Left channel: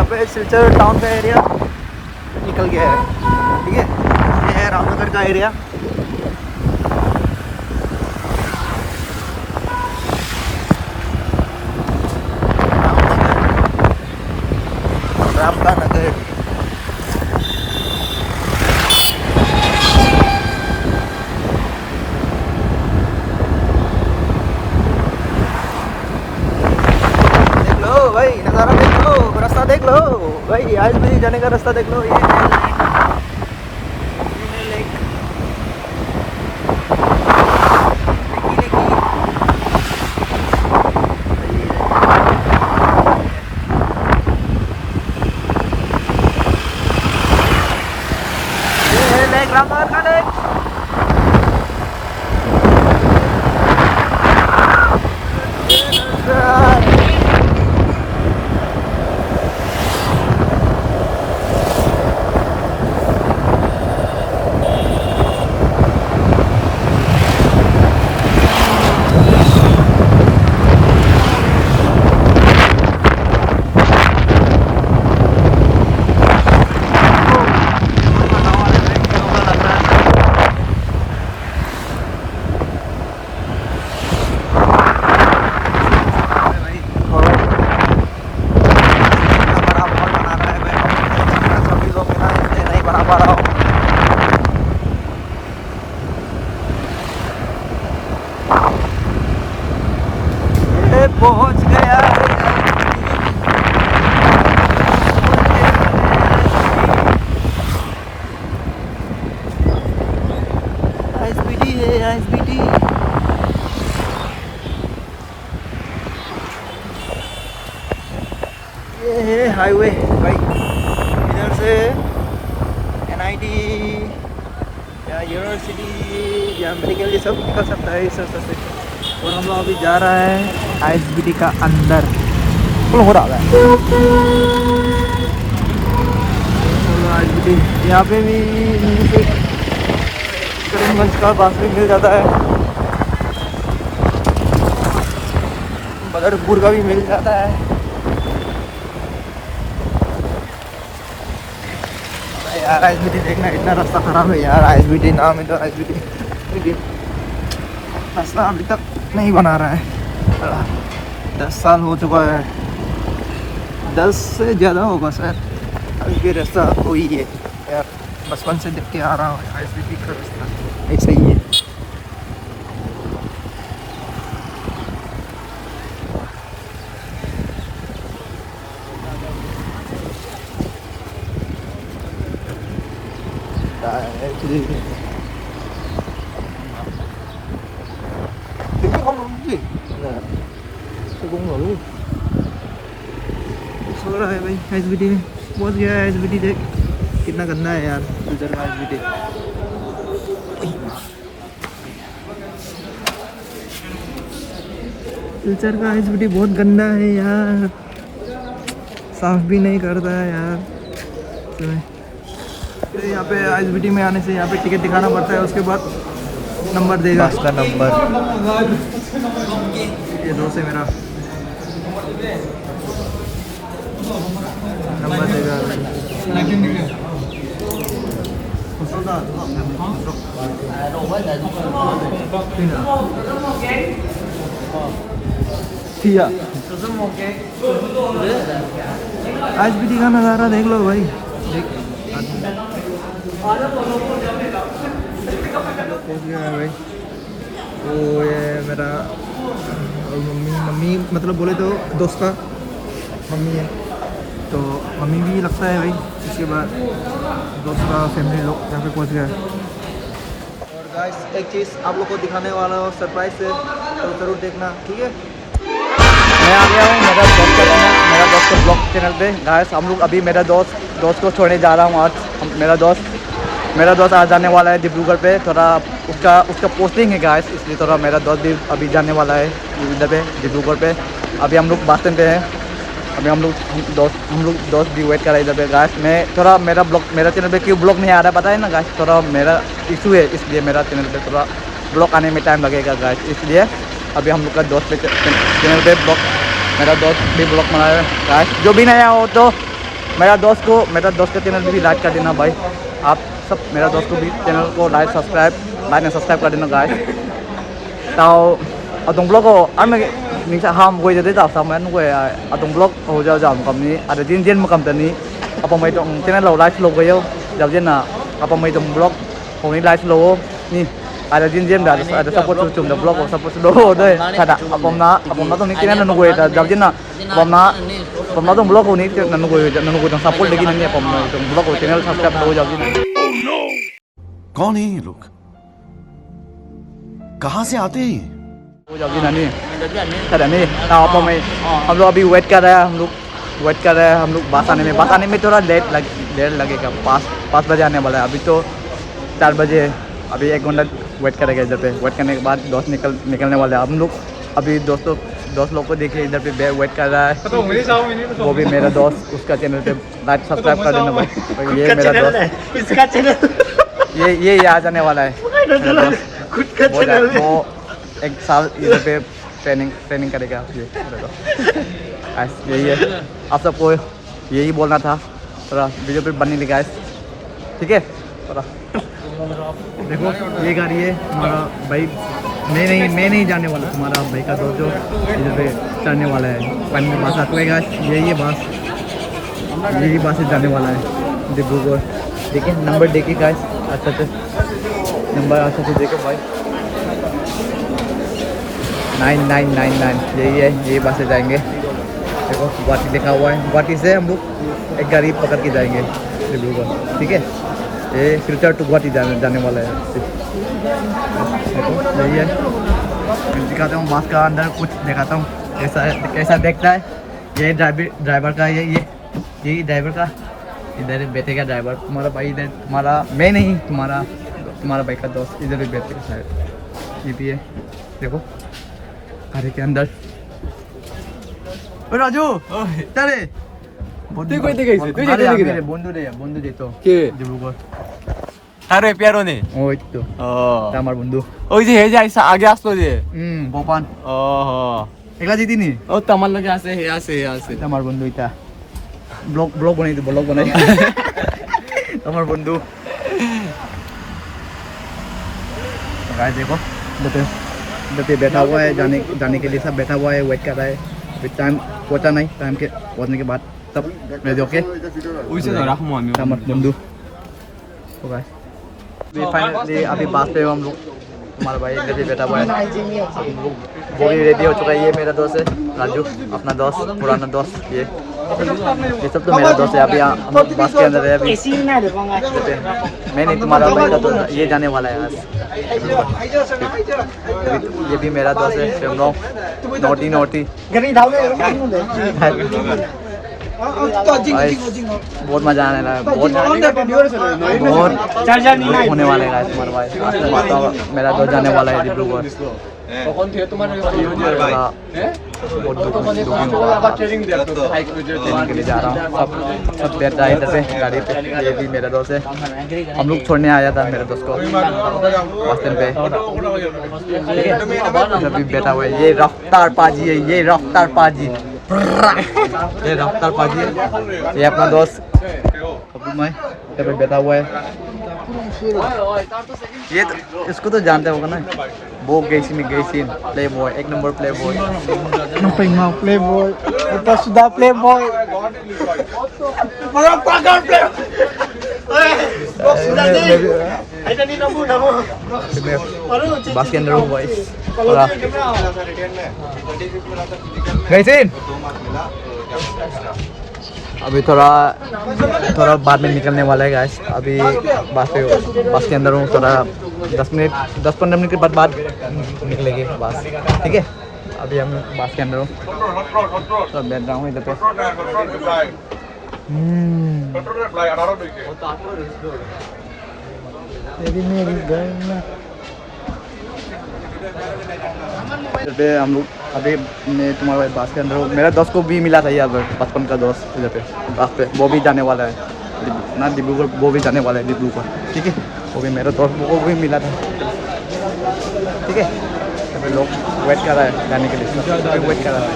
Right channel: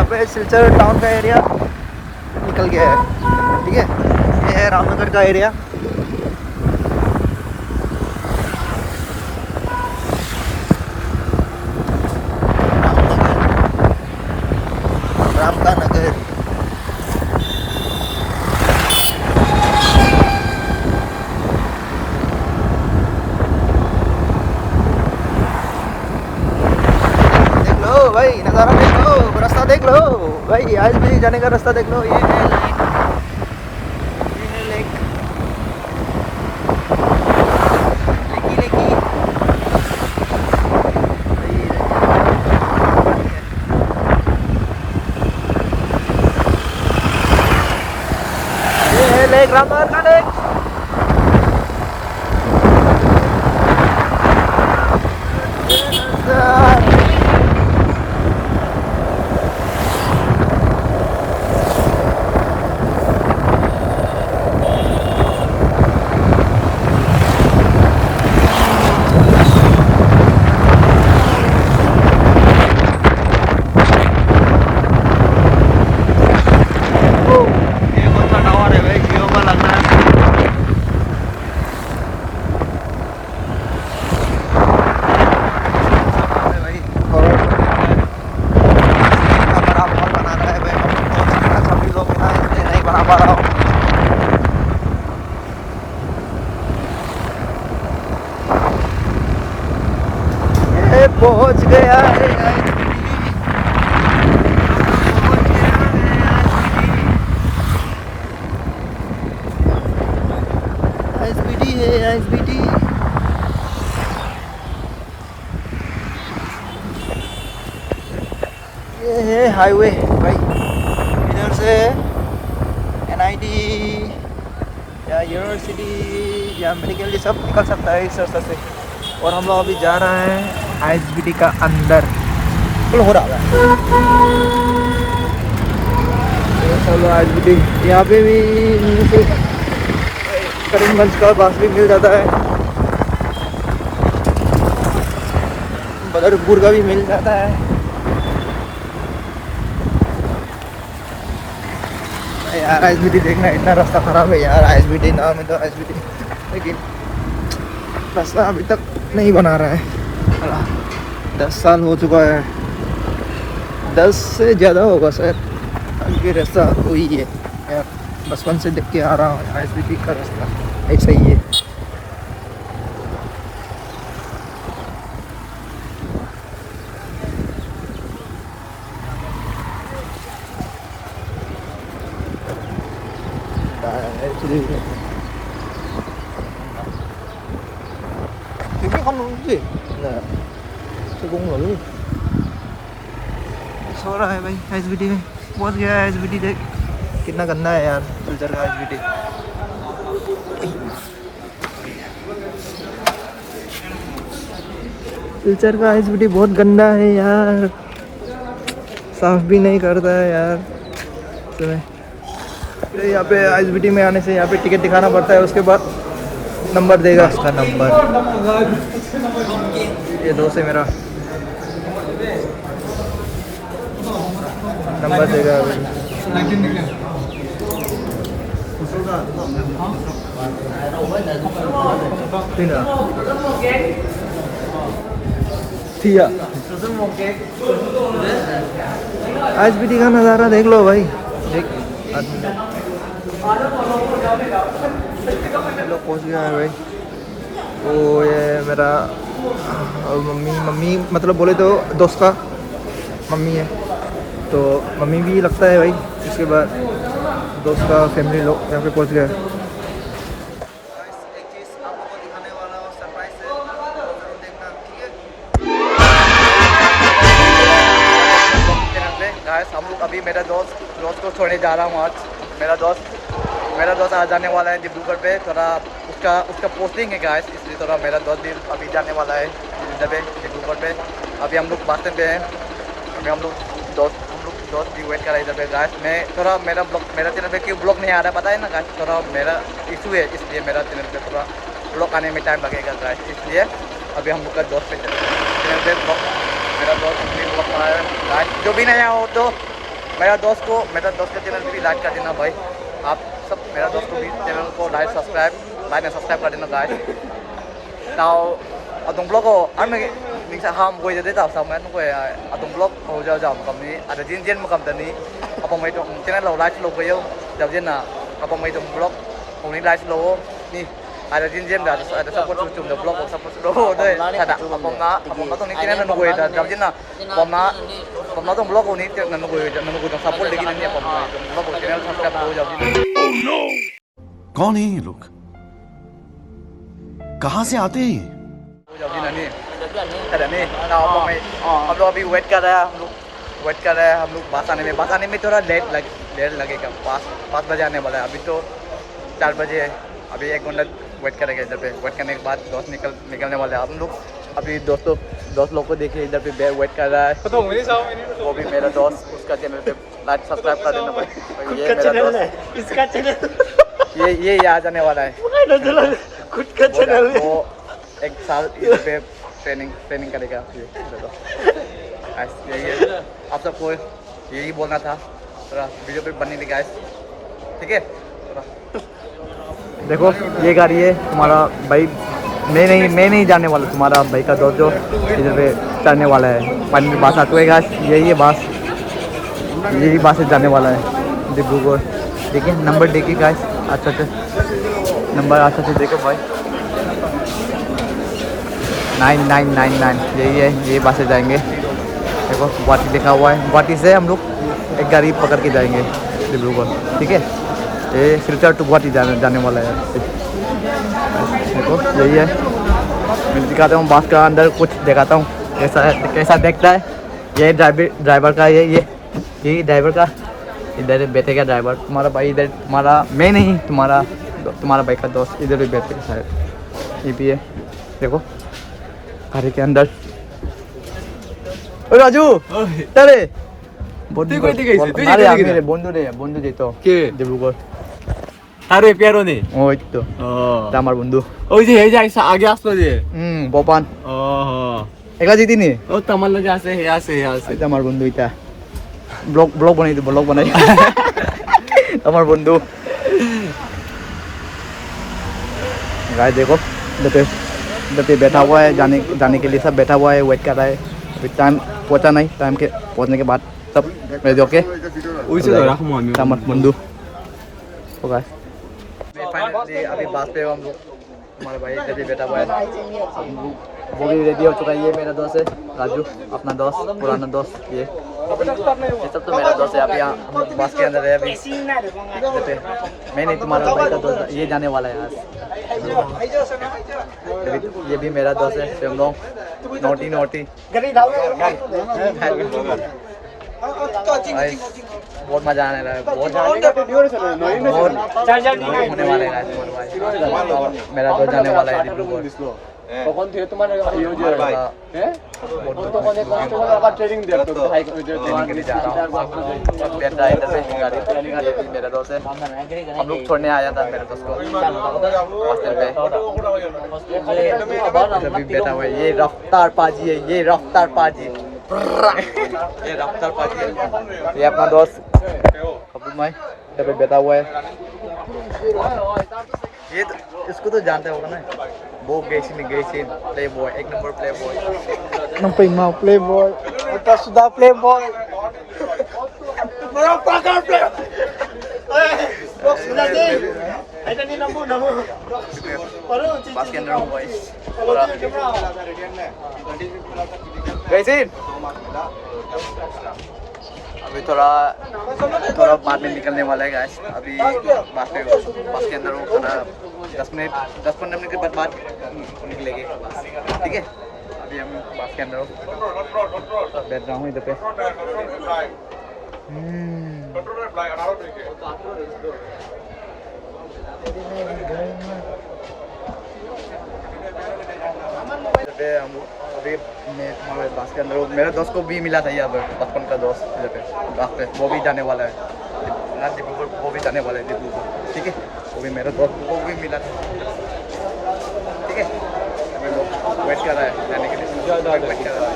यहाँ पे सिलचर टाउन का एरिया निकल गया है, ठीक है। ये है रामनगर का एरिया। राम का नगर। देख लो भाई, नज़ारा देख लो, रास्ता देख लो भाई, आज भी जाने का रास्ता देख लो। ये है लेक, लेकी ये है लेक, रामनगर का लेक। पहुंच गया एसबीटी है, एसबीटी। ये है हाईवे भाई, इधर से एनआईटी या यूनिवर्सिटी या मेडिकल ये सब निकल सकता है इस रास्ते से। और हम लोग अभी जा रहे हैं आईएसबीटी का अंदर। हो रहा है चलो आईएसबीटी। यहाँ पे भी करीमगंज का बास भी मिल जाता है, बदरपुर का भी मिल जाता है। यार आईएसबीटी देखना, इतना रास्ता खराब है यार। आईएसबीटी नाम है तो आईएसबीटी, रास्ता अभी तक नहीं बना रहा है। 10 साल हो चुका है, 10 से ज़्यादा होगा शायद। ये रास्ता वही है यार, बचपन से देख के आ रहा हूँ आईएसबीटी का रास्ता ऐसा ही है। तो luôn सो रहा है भाई एसबीटी में। पहुंच गया है एसबीटी। देख कितना गंदा है यार सिलचर का एसबीटी। सिलचर का एसबीटी बहुत गंदा है यार, साफ भी नहीं करता है यार। तो यहाँ पे एसबीटी में आने से यहाँ पे टिकट दिखाना पड़ता है, उसके बाद नंबर देगा, उसका नंबर। ये दोस्त है मेरा, नंबर देगा थिया। एसबीटी का नज़ारा देख लो भाई, देख पहुँच गया है भाई। वो ये मेरा और मम्मी मतलब बोले तो दोस्त का मम्मी है, तो मम्मी भी लगता है भाई। इसके बाद दोस्त का फैमिली लोग यहाँ पे पहुँच गया है। और गाइस एक चीज़ आप लोग को दिखाने वाला हूँ सरप्राइज से, तो ज़रूर देखना, ठीक है। चैनल पे गाइस हम लोग अभी मेरा दोस्त को छोड़ने जा रहा हूँ आज। मेरा दोस्त आज जाने वाला है डिब्रूगढ़ पे, थोड़ा उसका पोस्टिंग है गाइस, इसलिए थोड़ा मेरा दोस्त भी अभी जाने वाला है इधर पे डिब्रूगढ़ पे। अभी हम लोग बस स्टैंड पे हैं, अभी हम लोग दोस्त भी वेट कर रहे हैं इधर पे गाइस। मैं थोड़ा मेरा चैनल पे क्यों ब्लॉग नहीं आ रहा है पता है ना गाइस, थोड़ा मेरा इशू है, इसलिए मेरा चैनल पे थोड़ा ब्लॉग आने में टाइम लगेगा गाइस। इसलिए अभी हम लोग का दोस्त पे चैनल पे ब्लॉग, मेरा दोस्त भी ब्लॉग बना रहा है गाइस। जो भी नया हो तो मेरा दोस्त का चैनल भी लाइक कर देना भाई। आप सब मेरा दोस्त को भी चैनल को लाइक एंड सब्सक्राइब कर देना guys. Tao ở tùng blog ko ăn mấy mình sẽ ham quay tới tập xong anh quay ở tùng blog hồi giờ giảm cầm ní ở trên trên mà cầm tận ní ở phòng mấy trong trên lầu live slow quay giờ trên là ở phòng mấy trong blog hôm nay live slow ní ada trên đã ada support chụp được blog support slow đây thật ạ ở phòng nó tông ní trên nó quay giờ trên là phòng nó tông blog này nó quay trong support lagi ní phòng này trong blog của channel subscribe हो जाओ जी। कौन है ये लोग, कहाँ से आते हैं? हो जाओ जी नानी thật नहीं nào phòng में हम लोग अभी वेट कर रहे हैं हम लोग बस आने में थोड़ा लेट लगेगा 5 बजे आने वाला है। अभी तो 4 बजे है। अभी 1 घंटा वेट करेगा इधर पे। वेट करने के बाद दोस्त निकलने वाले हैं हम लोग। अभी दोस्त लोग को देखिए इधर पे वेट कर रहा है। वो भी मेरा दोस्त, उसका चैनल पे लाइक सब्सक्राइब कर देना भाई। ये मेरा दोस्त ये आ जाने वाला है खुद का चैनल। 1 साल इधर पे ट्रेनिंग करेगा। यही है, आप सबको यही बोलना था। थोड़ा वीडियो पे बनने लगा है, ठीक है। देखो ये गाड़ी है तुम्हारा भाई, मैं नहीं जाने वाला, तुम्हारा भाई का दोस्त जो इधर पे चढ़ने वाला है। पानी में बास आटोएगा, यही बास से जाने वाला है डिब्रूगढ़। देखिए नंबर देखिए गाइस, अच्छा नंबर अच्छा से देखो भाई 9999 यही है। ये बास से जाएंगे। देखो गुवाहाटी लिखा हुआ है। गुवाहाटी से हम लोग एक गाड़ी पकड़ के जाएंगे डिब्रूगढ़, ठीक है। ये सिलचर टू गुवाहाटी जाने वाला है। देखो यही है, मैं दिखाता हूँ बस का अंदर कुछ दिखाता हूँ कैसा देखता है। ये ड्राइवर का ये ड्राइवर का इधर बैठेगा ड्राइवर। तुम्हारा भाई इधर, तुम्हारा मैं नहीं, तुम्हारा भाई का दोस्त इधर भी बैठेगा शायद। ये भी है, देखो गाड़ी के अंदर। ओ राजू चले मेरे बंधु दे तो डिब्रूगढ़। আরে পেয়ারনি ওই তো আমার বন্ধু ওই যে এই যে আগে আসলো যে বপান ও একলা জিতিনি ও তো আমার লগে আছে হে আছে এটা আমার বন্ধু। এটা ব্লগ বানাই আমার বন্ধু। गाइस देखो इधर पे बैठा हुआ है, जाने के लिए सब बैठा हुआ है, वेट कर रहा है। अभी टाइम पहुंचा नहीं, टाइम के पहुंचने के बाद सब रेडी होके ওই যে রাখমু আমি আমার বন্ধু। तो गाइस फाइनली अभी बात पे हम लोग। हमारा भाई इधर बैठा हुआ है, रेडी हो चुका है। ये मेरा दोस्त है राजू, अपना दोस्त, पुराना दोस्त। ये सब तो मेरा दोस्त है। अभी हम लोग बस के अंदर है। अभी मैं नहीं, तुम्हारा भाई तो ये जाने वाला है। ये भी मेरा दोस्त है, नोटी बहुत मजा आने लगा, बहुत होने वाले हैं तुम्हारे भाई। मेरा दोस्त जाने वाला है डिब्रूगढ़। কখন থেকে তোমার আবার ট্রেনিং দেব তো হাই के लिए जा रहा हूँ। सब बैठ रहा है इधर पे गाड़ी पे। ये भी मेरा दोस्त है, हम लोग छोड़ने आया था मेरे दोस्त को बस स्टैंड पे, ठीक है। अभी बैठा हुआ है। ये रफ्तार पाजी है, ये रफ्तार पाजी है। ये अपना दोस्त अबू मैं इधर पे बैठा हुआ है। ये तो इसको तो जानते होगा ना, वो गैसीन play boy, 1 number play boy. Play boy এটা সুদা প্লে বয় বড় পাগল প্লে बस के अंदर हूँ भाई पूरा। गैसीन अभी थोड़ा बाद में निकलने वाला है गाइस। अभी बस के अंदर हूँ। थोड़ा 10-15 मिनट के बाद निकलेगी बस, ठीक है। अभी हम बस के अंदर हूँ, तो बैठ रहा हूँ इधर पे। तेरी मेरी गल्ला इधर पे हम लोग। अभी मैं तुम्हारे बस के अंदर हूँ। मेरा दोस्त को भी मिला था यार, बचपन का दोस्त इधर पे बस पे। वो भी जाने वाला है ना डिब्रूगढ़, वो भी जाने वाला है डिब्रूगढ़, ठीक है। वो भी मेरा दोस्त, वो भी मिला था, ठीक है। अभी लोग वेट कर रहा है जाने के लिए, वेट कर रहा है।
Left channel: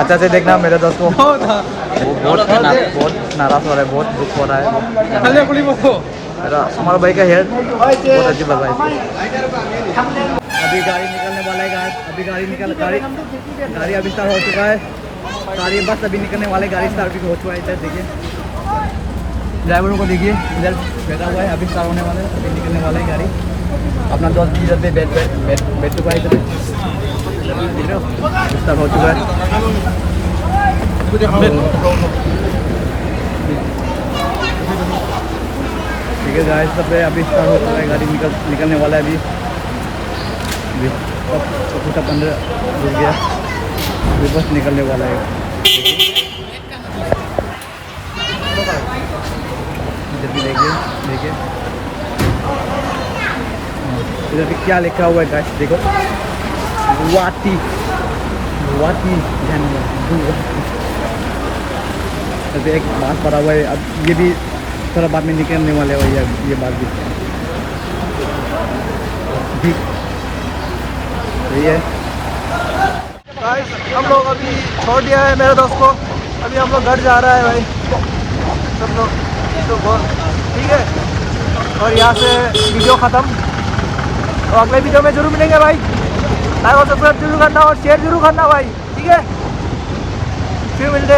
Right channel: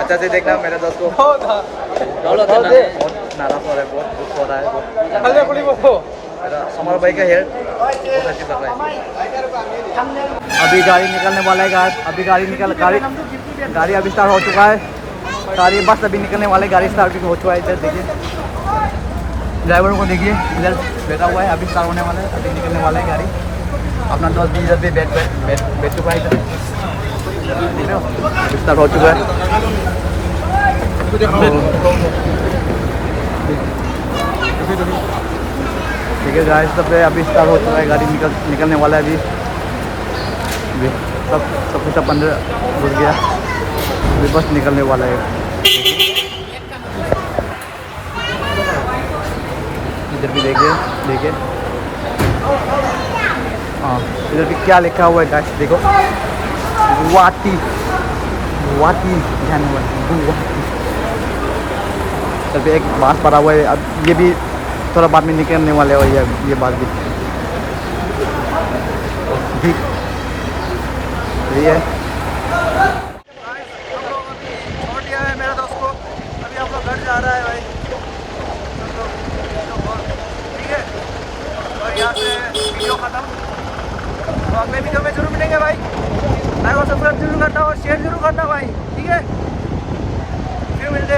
अच्छा से देखना मेरे दोस्त को। बहुत बहुत नाराज हो रहा है, बहुत दुख हो रहा है। हल्ले पुलिस को मेरा हमारा भाई का हेयर बहुत अजीब लग रहा है। अभी गाड़ी निकलने वाला है गाइस, अभी गाड़ी अभी स्टार्ट हो चुका है। सारी बस अभी निकलने वाले, गाड़ी स्टार्ट भी हो चुका है। इधर देखिए ड्राइवर को देखिए, इधर बैठा हुआ है, अभी स्टार्ट होने वाला है, अभी निकलने वाला है गाड़ी। अपना दोस्त भी जल्दी बैठ चुका है, स्टार्ट हो चुका है। ठीक है गाइस, सब अभी स्टार्ट हो चुका है, गाड़ी निकलने वाला है। अभी सब कुछ 15 घुस गया, अभी बस निकलने वाला है। इधर भी देखिए हाँ, इधर भी क्या लिखा हुआ है गाइस देखो, वाटी तभी एक बात पड़ा हुआ है। अब ये भी थोड़ा बाद में निकलने वाले हो, ये बात भी ठीक है। गाइस हम लोग अभी छोड़ दिया है मेरे दोस्त को, अभी हम लोग घर जा रहा है भाई सब लोग, तो ठीक है। और यहाँ से वीडियो ख़त्म, तो अगले वीडियो में जरूर मिलेंगे भाई। लाइक और सब्सक्राइब जरूर करना और शेयर जरूर करना भाई, ठीक है। फिर मिलते